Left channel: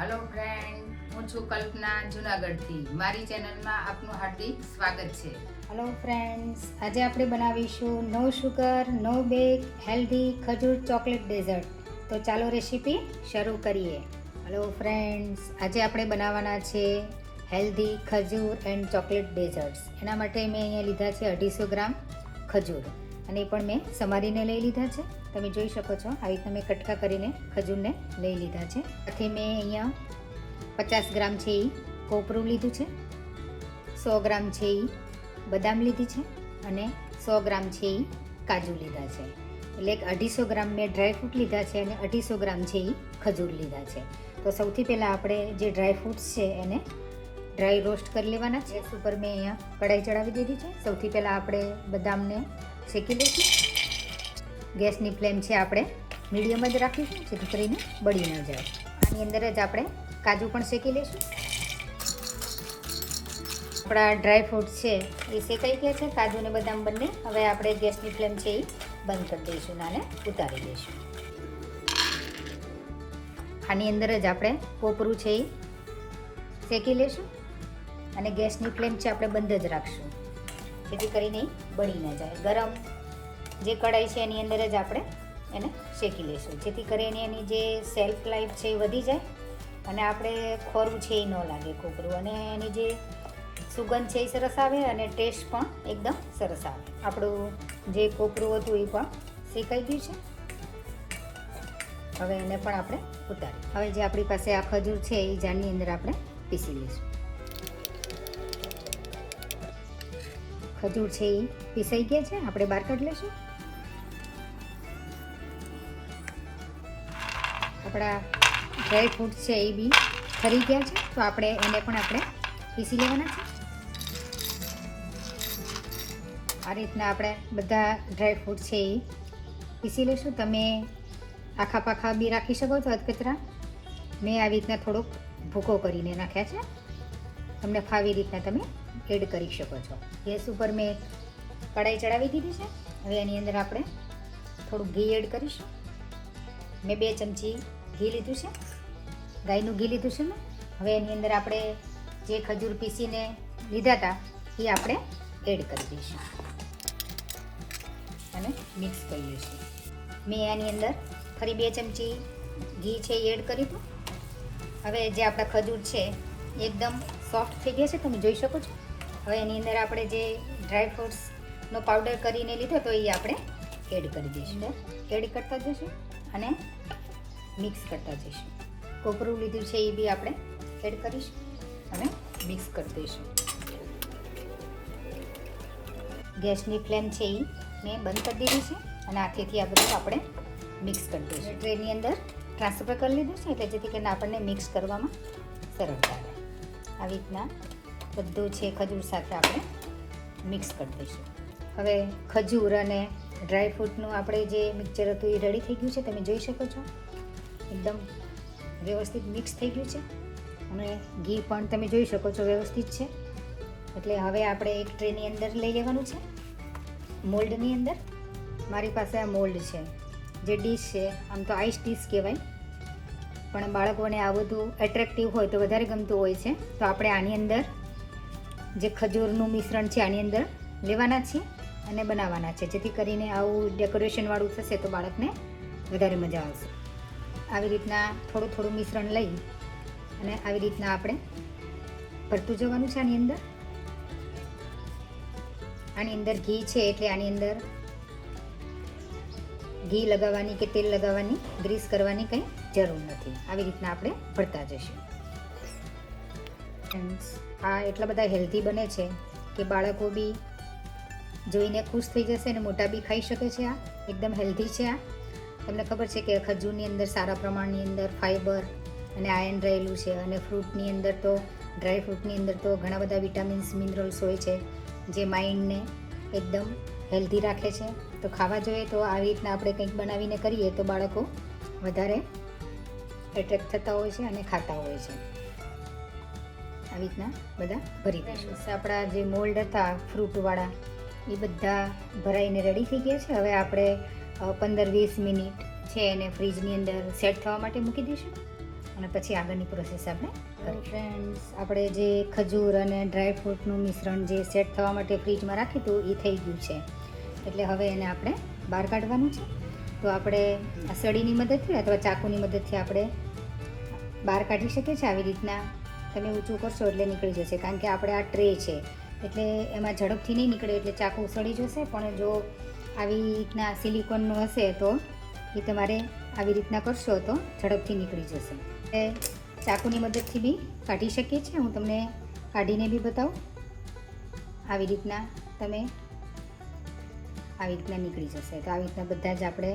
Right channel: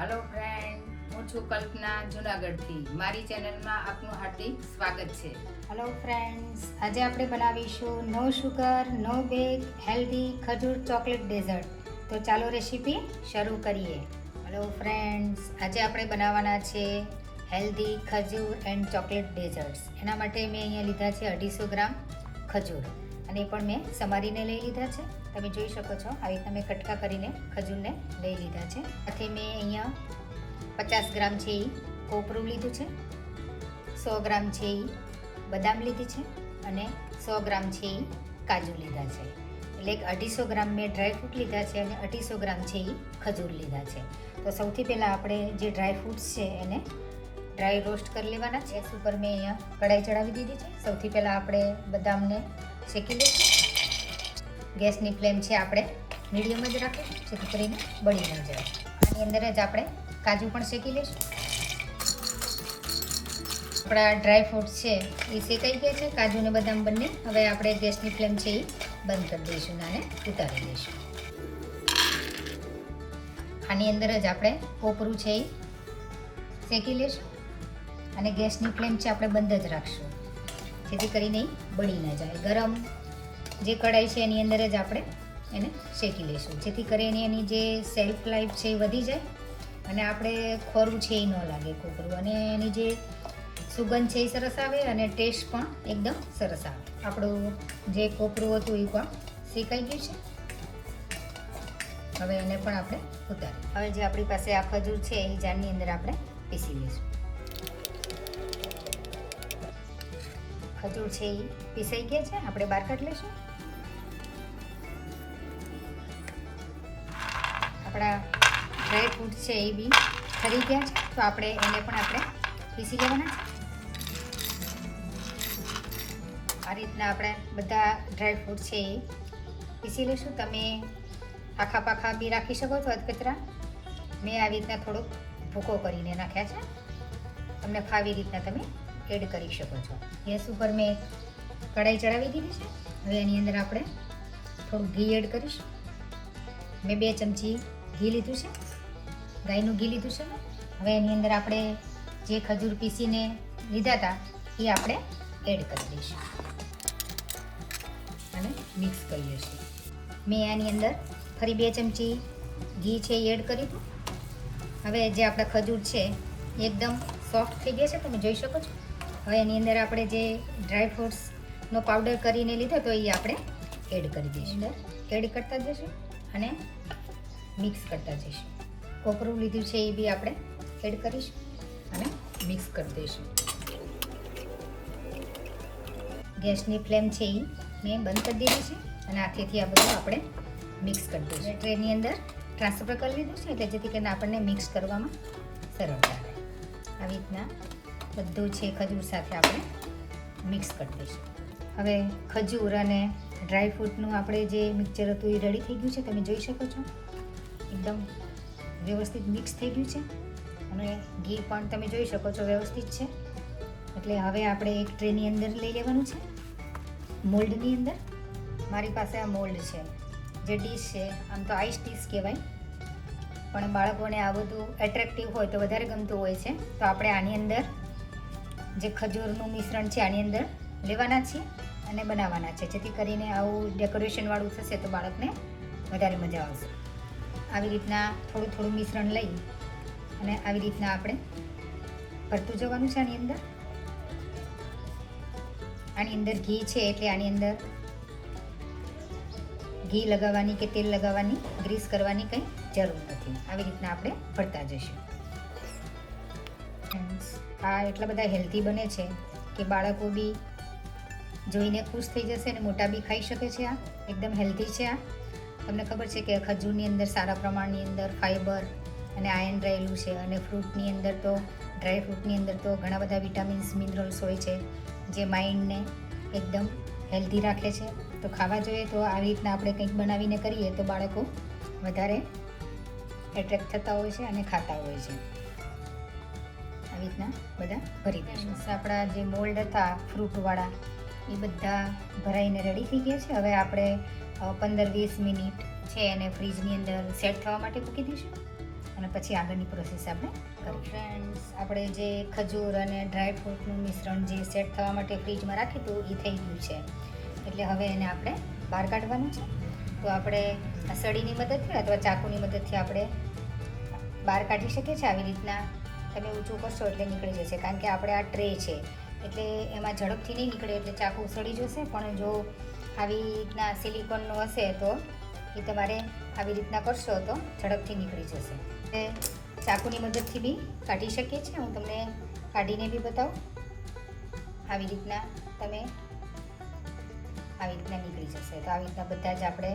Hello friend હું છું કલ્પના જુનાગઢથી. મારી ચેનલમાં આપનું હાર્દિક સ્વાગત છે. હેલો ફ્રેન્ડ્સ આજે આપણે બનાવીશું no sugar no bake healthy ખજૂર ચોકલેટ ડેઝર્ટ તો ચાલો રેસીપી શરૂ કરીએ. હેલો ફ્રેન્ડ્સ આજે આપણે બનાવવાના છે હેલ્ધી ખજૂર એન્ડ ચોકલેટ ડેઝર્ટ્સ એના માટે મેં અહીંયા લીધા છે અઢીસો ગ્રામ ખજૂર. અને એ પણ મેં સમારીને લઈ લીધા છે. તમે જોઈ શકો છો, આવી તમે કટકા કરીને ખજૂરને લઈ લીધા છે. સાથે મેં અહીંયા પચાસ ગ્રામ છે એ કોપરું લીધું છે, સો ગ્રામ છે એ બદામ લીધી છે અને સો ગ્રામ છે એ કાજુ લીધા છે. એટલે અઢીસો ગ્રામ મેં ડ્રાયફ્રૂટ લીધા છે અને અઢીસો ગ્રામ છે એ ખજૂર લીધા છે. તો સૌથી પહેલાં આપણે જે ડ્રાયફ્રૂટ્સ છે એને ડ્રાય રોસ્ટ કરી લેવાના છે. ઉપર મેં અહીંયા કઢાઈ ચડાવી દીધી છે. સૌથી પહેલાં આપણે બદામને શેકી લઈશું. ગેસની ફ્લેમ છે આપણે મીડિયમ જ રાખીશું, જેથી કરીને બળી ન જાય. આની અંદર જ આપણે કાજુ પણ શેકી લઈશું. આપણા ડ્રાય ફ્રૂટ છે એ શેકાઈ ગયા છે કાજુ ને બદામ બંને. હવે આપણે ગેસની ફ્લેમ છે એ બંધ કરી દઈશું અને ઉતારી દઈશું. આની અંદર જ આપણે કોપરું છે એ શેકી લઈશું અને ગેસની ફ્લેમ છે આપણે બંધ જ રાખશું, જેથી કરીને બળી ન જાય. ગરમ જે કઢાઈ છે એની અંદર જ આપણે એને શેકી લઈશું. જેથી કરીને એની જે સેલ્ફ લાઈફ છે એ વધી જાય અને આપણે ખોરું છે એ ન લાગે કોપરું અને એની જે સુગંધ છે એ સરસ આવે અને ટેસ્ટ પણ એકદમ સરસ આવે. આપણું જે કોપરું હતું એ પણ શેકાઈ ગયું છે. હવે એને પણ આપણે ઉતારી હવે જે આપણી પાસે આ ખજૂર છે એ જાની અંદર આપણે પીસી લઈશું. ખજૂર છે એ પીસાઈ ગયા છે. આપણે બહાર કાઢી લઈશું. ડ્રાય ફ્રૂટ છે એ બી ખરી ગયા છે. તો આપણે એને પણ આપણે પીસી લેવાના છે. આ રીતના આપણે બધા ડ્રાય ફ્રૂટ છે એ પીસી લઈશું. તમે આખા પાખા બી રાખી શકો છો અધકચરા. મેં આવી રીતના થોડોક ભૂકો કરીને નાખ્યા છે. તમને ફાવી રીતના તમે એડ કરી શકો છો. ગેસ ઉપર મેં કઢાઈ ચડાવી દીધી છે. હવે એની અંદર આપણે થોડું ઘી એડ કરીશું. મેં બે ચમચી ઘી લીધું છે. ગાયનું ઘી લીધું છે હવે એની અંદર આપણે જે ખજૂર પીસીને લીધા હતા, એ આપણે એડ કરી દઈશું. અને મિક્સ કરી લઈશું મેં એની અંદર ફરી બે ચમચી ઘી છે એ એડ કર્યું હતું. હવે જે આપણા ખજૂર છે, એકદમ સોફ્ટ થઈ ગયા છે, તમે જોઈ શકો છો. હવે એની અંદર આપણે જે ડ્રાય ફ્રૂટ્સનો પાવડર કરીને લીધો તો એ આપણે એડ કરી દઈશું. એડ કરતા જઈશું અને મિક્સ કરતા જઈશું. કોપરું લીધું છે એ બી આપણે એડ કરીશું અને મિક્સ કરી દઈશું. ગેસની ફ્લેમ છે એ મેં બંધ કરી દીધી છે અને આખેથી આ બધું આપણે મિક્સ કરી દઈશું. ટ્રેની અંદર ટ્રાન્સફર કરી લીધું છે એટલે જેથી કરીને આપણને મિક્સ કરવામાં સરળતા આવે આવી રીતના બધું છે ખજૂર સાથે આપણે મિક્સ કરી દઈશું. હવે ખજૂર અને ડ્રાય ફ્રૂટનું આપણે જે મિક્સચર હતું એ રેડી થઈ ગયું છે, તમે જોઈ શકો છો? એકદમ વ્યવસ્થિત મિક્સ થઈ ગયું છે. અને ઘી પણ તમે જોઈ શકો છો વ્યવસ્થિત છે. એટલે હવે આપણે એક ટ્રેની અંદર લઈ લેવાનું છે. મોલ્ડની અંદર. મારી પાસે આ મોલ્ડ છે. જે ડીશ છે, આમ તો આઈસ ડીશ કહેવાય. પણ બાળકોને આ બધું એટ્રેક્ટિવ હોય તો વધારે ગમતું હોય છે. તો આપણે આની અંદર જે ખજૂરનું મિશ્રણ છે, આની અંદર લેવાના છીએ અને બનાવવાના છે. જેથી કરીને આવું ડેકોરેશનવાળું થશે તો બાળકને વધારે મજા આવશે. આવી રીતના થોડું થોડું મિશ્રણ લઈ અને આવી રીતના આપણે ભરતું જવાનું છે આની અંદર. આની અંદર ઘી છે એટલે આની અંદર ઘી લગાવવાની કે તેલ લગાવવાની, ગ્રીસ કરવાની કંઈ જરૂર નથી. આવી રીતના આપણે ભરતા જઈશું. આ એટલા બધા હેલ્ધી બને છે કે બાળકો બી જોઈને ખુશ થઈ જશે અને મોટા બી ખાઈ શકે છે આ. એકદમ હેલ્ધી છે આ. તમને ખબર છે કે ખજૂરની અંદર સારા પ્રમાણની અંદર ફાઇબર અને આયન રહેલું છે અને ફ્રૂટની અંદર તો ડ્રાય ફ્રૂટની અંદર તો ઘણા બધા વિટામિન્સ મિનરલ્સ હોય છે જે માઇન્ડને એકદમ હેલ્ધી રાખે છે. તો ખાવા જોઈએ તો આવી રીતના આપણે કંઈક બનાવીને કરીએ તો બાળકો વધારે એટ્રેક્ટ થતા હોય છે અને ખાતા હોય છે. આવી રીતના બધા ભરી દઈશું આપણા જે મોલ્ડ હતા ફ્રૂટવાળા એ બધા ભરાઈને રેડી થઈ ગયા છે. હવે આપણે પંદર વીસ મિનિટ છે એને ફ્રીજની અંદર સેટ થવા માટે મૂકી દઈશું. અને પછી આગળની પ્રોસેસ આપણે ફ્રેન્ડ્સ આપણે જે ખજૂર અને ડ્રાય ફ્રૂટનું મિશ્રણ જે સેટ થવા માટે ફ્રીજમાં રાખ્યું હતું એ થઈ ગયું છે. એટલે હવે એને આપણે બહાર કાઢવાનું છે. તો આપણે આ સળીની મદદથી અથવા ચાકુની મદદથી આપણે બહાર કાઢી શકીએ છીએ. આવી રીતના તમે ઊંચું કરશો એટલે નીકળી જશે. કારણ કે આપણે આ ટ્રે છે. એટલે એમાં ઝડપથી નહીં નીકળે એટલે ચાકુ સડી જશે. પણ જો આવી રીતના સિલિકોનનું હશે તો એ તમારે આવી રીતના કરશો તો ઝડપથી નીકળી જશે. એ ચાકુની મદદથી બી કાઢી શકીએ છીએ. હું તમને કાઢીને બી બતાવું. આવી રીતના તમે આવી રીતના નીકળી જશે. તો આવી રીતના બધા જ આપણે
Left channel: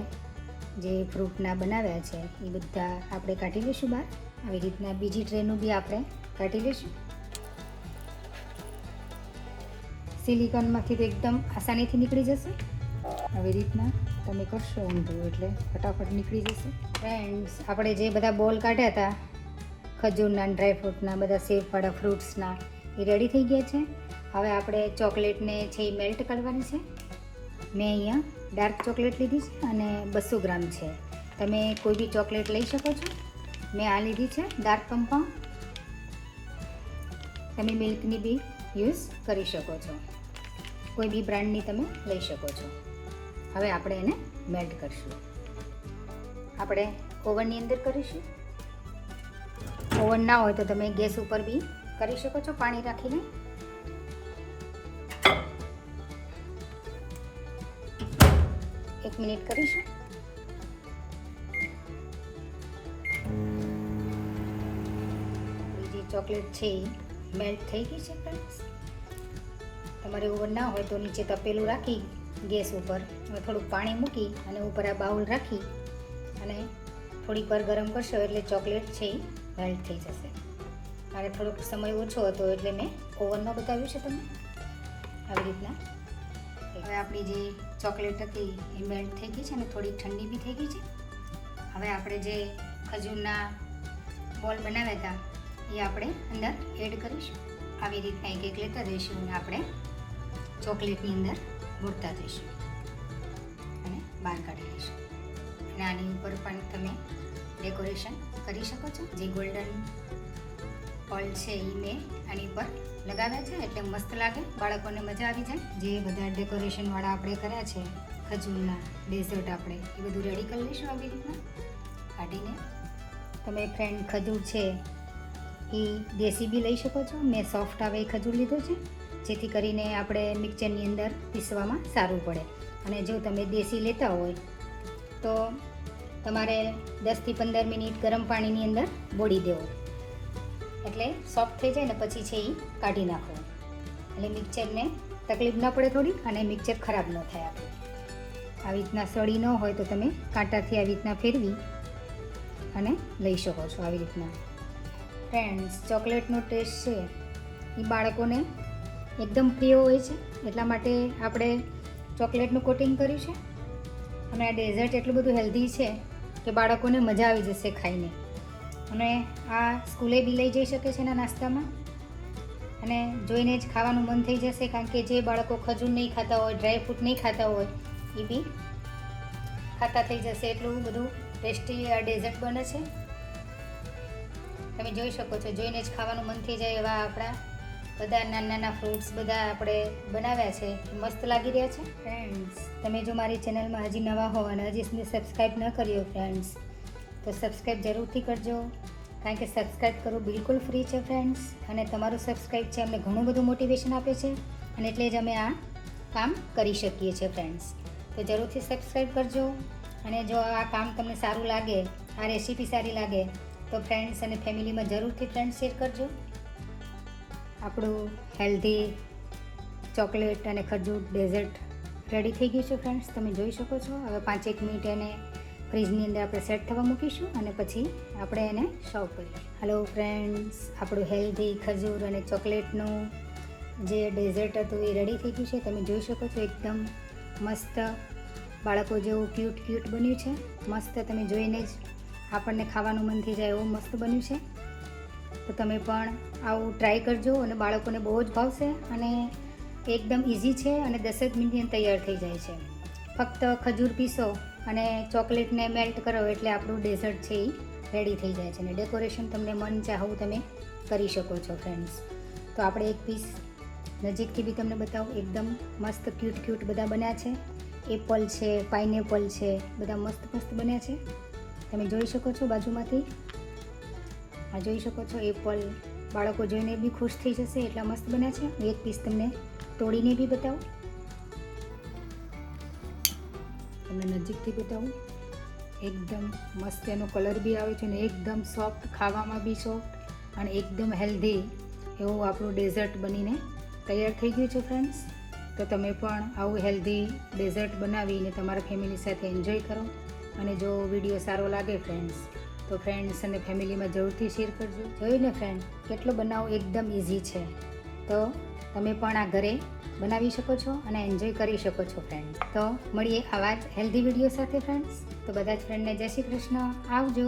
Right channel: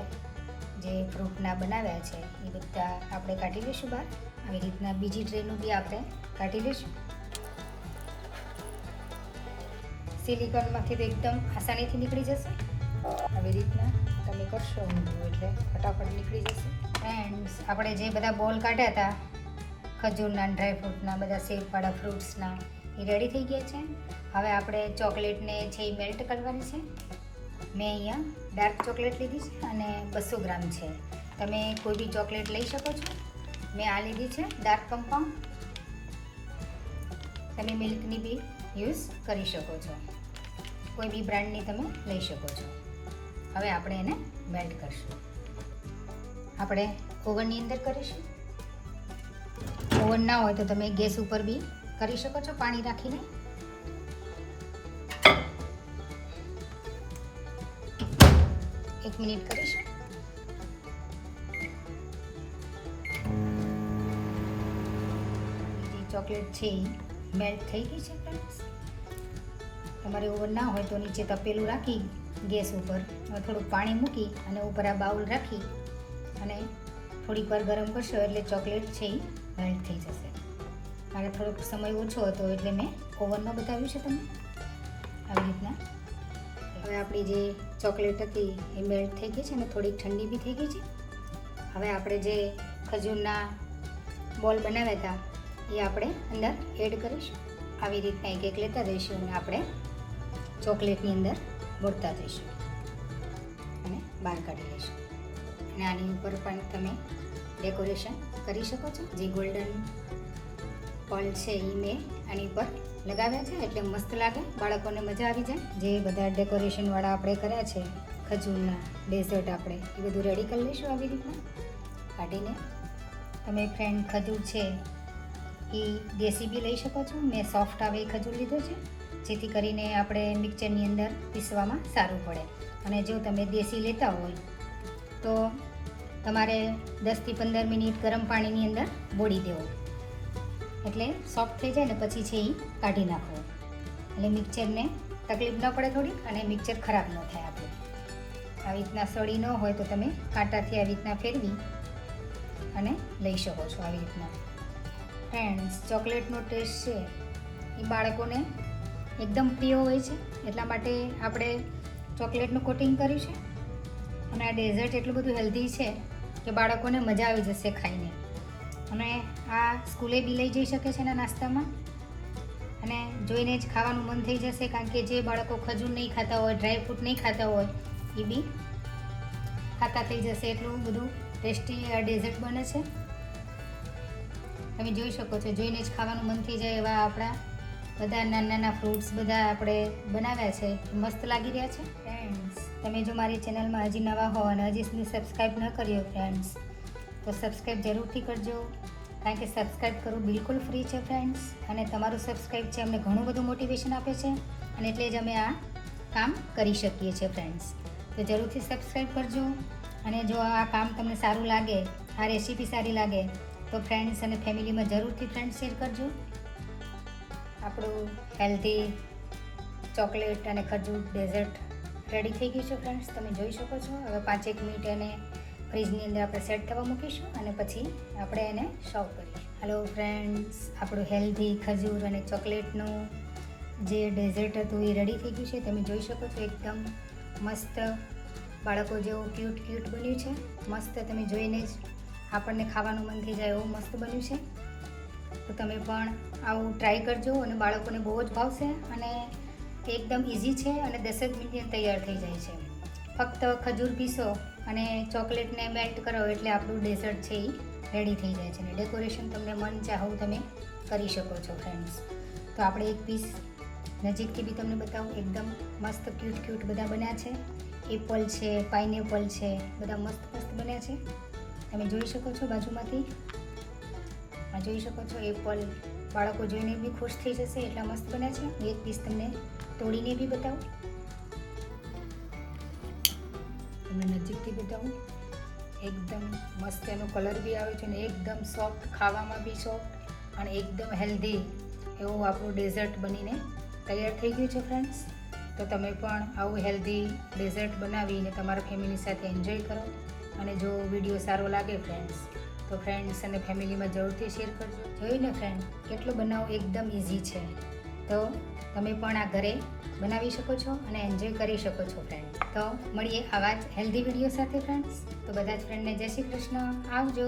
જે ફ્રૂટના બનાવ્યા છે, એ બધા આપણે કાઢી લઈશું બહાર. આવી રીતના બીજી ટ્રેનું બી આપણે કાઢી લઈશું. સિલિકોનમાંથી તો એકદમ આસાનીથી નીકળી જશે. આવી રીતના તમે કરશો ઊંધું એટલે ફટાફટ નીકળી જશે. ફ્રેન્ડ્સ આપણે જે બધા બોલ કાઢ્યા હતા, ખજૂરના ડ્રાયફ્રૂટના બધા સેબવાળા ફ્રૂટ્સના, એ રેડી થઈ ગયા છે. હવે આપણે ચોકલેટને છે એ મેલ્ટ કરવાની છે. મેં અહીંયા ડાર્ક ચોકલેટ લીધી છે અને બસો ગ્રામ છે. તમે કોઈ બી ચોકલેટ લઈ શકો છો. મેં આ લીધી છે ડાર્ક કમ્પાઉન્ડ તમે મિલ્કની બી યુઝ કરી શકો છો. કોઈ બી બ્રાન્ડની તમે લઈ શકો છો. હવે આપણે એને મેલ્ટ કરીશું. આપણે ઓવનની અંદર કરીશું. ઓવન ના હોય તો તમે ગેસ ઉપર બી કરી શકો છો પાણી રાખીને. એક મિનિટ કરીશું. ચોકલેટ છે મેલ્ટ થઈ ગઈ છે. તમારે ઓવન ના હોય તો નીચે તપેલું રાખી ગેસ ઉપર. થોડુંક પાણી મૂકી અને ઉપર આ બાઉલ રાખી અને થોડીક વાર ગરમ કરશો એટલે ચોકલેટ છે એ મેલ્ટ થઈ જશે. મારે થોડોક સમય ઓછો હતો એટલે મેં ઓવનમાં બતાવ્યું છે તમને. આવી રીતના. હવે આપણી જે ચોકલેટ હતી એ મેલ્ટ થઈ ગઈ છે અને થોડીક ઠંડી બી થઈ ગઈ છે. હવે આપણે જે ખજૂરના બોલ બનાવ્યા હતા એ આપણે અંદર એડ કરીશું. આવી રીતના એક એક લેતા રહીશું અને આપણે ચોકલેટની અંદર બોળતા જઈશું. અને બહાર કાઢી લઈશું. અને આની ઉપર પણ તમે ડેકોરેશન કરી શકો છો. જે ગોલ્ડન ફળ છે એ મેં આની ઉપર લગાવ્યા છે. એટલે મસ્ત લાગે. બાળકોને મજા આવી જાય. જે બધા ડેકોરેશનવાળા આપણે કર્યા છે, ખજૂરના ડેઝર્ટ આપણે, એ બધું રેડી કરી લઈશું આવી રીતના. કાઢીને તમે ફ્રેન્ડ ખજૂર છે એ દેશી બી લઈ શકો છો. મેં સોફ્ટ આવે એ ખજૂર લીધો છે. જેથી કરીને આપણે મિક્સરની અંદર પીસવામાં સારું પડે. અને જો તમે દેશી લેતા હોય, તો તમારે દસથી પંદર મિનિટ ગરમ પાણીની અંદર બોળી દેવું. એટલે સોફ્ટ થઈ જાય ને પછી છે એ કાઢી નાખો એટલે મિક્સરને તકલીફ ન પડે થોડી અને મિક્સર ખરાબ ન થાય આપણે. આવી રીતના સળી ન હોય તો તમે કાંટાથી આવી રીતના ફેરવી અને લઈ શકો છો આવી રીતના. ફ્રેન્ડ્સ ચોકલેટનો ટેસ્ટ છે. એ બાળકોને એકદમ પ્રિય હોય છે. એટલા માટે આપણે ચોકલેટનું કોટિંગ કર્યું છે અને આ ડેઝર્ટ એટલું બધું હેલ્ધી છે કે બાળકોને મજા આવી જશે ખાઈને. અને આ સ્કૂલે બી લઈ જઈ શકે છે એના નાસ્તામાં. અને જોઈને જ ખાવાનું મન થઈ જશે કારણ કે જે બાળકો ખજૂર નહીં ખાતા હોય ડ્રાયફ્રૂટ નહીં ખાતા હોય, એ બી ખાતા થઈ જશે. એટલું બધું ટેસ્ટી આ ડેઝર્ટ બને છે. તમે જોઈ શકો છો, જોઈને જ ખાવાનું મન થઈ જાય એવા આપણા બધા નાના નાના ફ્રૂટ્સ બધા આપણે બનાવ્યા છે. મસ્ત લાગી રહ્યા છે? ફ્રેન્ડ્સ તમે જો મારી ચેનલમાં હજી નવા હો અને હજી સુધી સબસ્ક્રાઈબ ન કર્યો ફ્રેન્ડ્સ તો સબસ્ક્રાઈબ જરૂરથી કરજો. કારણ કે સબસ્ક્રાઈબ કરવું બિલકુલ ફ્રી છે ફ્રેન્ડ્સ અને તમારું સબસ્ક્રાઈબ છે અમને ઘણું બધું મોટિવેશન આપે છે. અને એટલે જ અમે આ કામ કરી શકીએ છીએ ફ્રેન્ડ્સ તો જરૂરથી સબસ્ક્રાઈબ કરજો. અને જો આ કામ તમને સારું લાગે આ રેસીપી સારી લાગે તો ફ્રેન્ડ્સ અને ફેમિલીમાં જરૂરથી ફ્રેન્ડ્સ શેર કરજો. આપણું હેલ્ધી ચોકલેટ અને ખજૂર ડેઝર્ટ રેડી થઈ ગયું છે ફ્રેન્ડ્સ તમે જોઈ શકો છો. હવે પાંચેક મિનિટ એને ફ્રીજની અંદર આપણે સેટ થવા મૂકીશું અને પછી આપણે એને સર્વ કરીશું. હેલો ફ્રેન્ડ્સ આપણું હેલ્ધી ખજૂર અને ચોકલેટનું જે ડેઝર્ટ હતું એ રેડી થઈ ગયું છે. તમે જોઈ શકો છો એકદમ મસ્ત બાળકો જેવું ક્યુટ ક્યુટ બન્યું છે. મસ્ત તમે જોઈને જ આપણને ખાવાનું મન થઈ જાય એવું મસ્ત બન્યું છે. તો તમે પણ આવું ટ્રાય કરજો અને બાળકોને બહુ જ ભાવશે અને એકદમ ઇઝી છે અને દસેક જ મિનિટની તૈયાર થઈ જાય છે. ફક્ત ખજૂર પીસો અને ચોકલેટને મેલ્ટ કરો એટલે આપણું ડેઝર્ટ છે એ રેડી થઈ જાય છે અને ડેકોરેશન તમને મન ચાહવું તમે કરી શકો છો ફ્રેન્ડ્સ તો આપણે એક પીસ નજીકથી બી તમને બતાવું. એકદમ મસ્ત ક્યુટ ક્યુટ બધા બન્યા છે. એપલ છે પાઇનેપલ છે, બધા મસ્ત મસ્ત બન્યા છે. તમે જોઈ શકો છો બાજુમાંથી. આ જોઈ શકો છો એપલ બાળકો જોઈને બી ખુશ થઈ જશે, એટલા મસ્ત બન્યા છે. એક પીસ તમને તોડીને બી બતાવો. તમને નજીકથી બતાવું. એકદમ મસ્ત એનો કલર બી આવે છે અને એકદમ સોફ્ટ ખાવામાં બી સોફ્ટ અને એકદમ હેલ્ધી એવું આપણું ડેઝર્ટ બનીને તૈયાર થઈ ગયું છે ફ્રેન્ડ્સ તો તમે પણ આવું હેલ્ધી ડેઝર્ટ બનાવીને તમારા ફેમિલી સાથે એન્જોય કરો. અને જો વીડિયો સારો લાગે ફ્રેન્ડ્સ તો ફ્રેન્ડ્સ અને ફેમિલીમાં જરૂરથી શેર કરજો. જોયું ને ફ્રેન્ડ કેટલો બનાવવો એકદમ ઇઝી છે. તો તમે પણ આ ઘરે બનાવી શકો છો અને એન્જોય કરી શકો છો ફ્રેન્ડ તો મળીએ આવા જ હેલ્ધી વીડિયો સાથે ફ્રેન્ડ્સ તો બધા જ ફ્રેન્ડને જય શ્રી કૃષ્ણ. આવજો.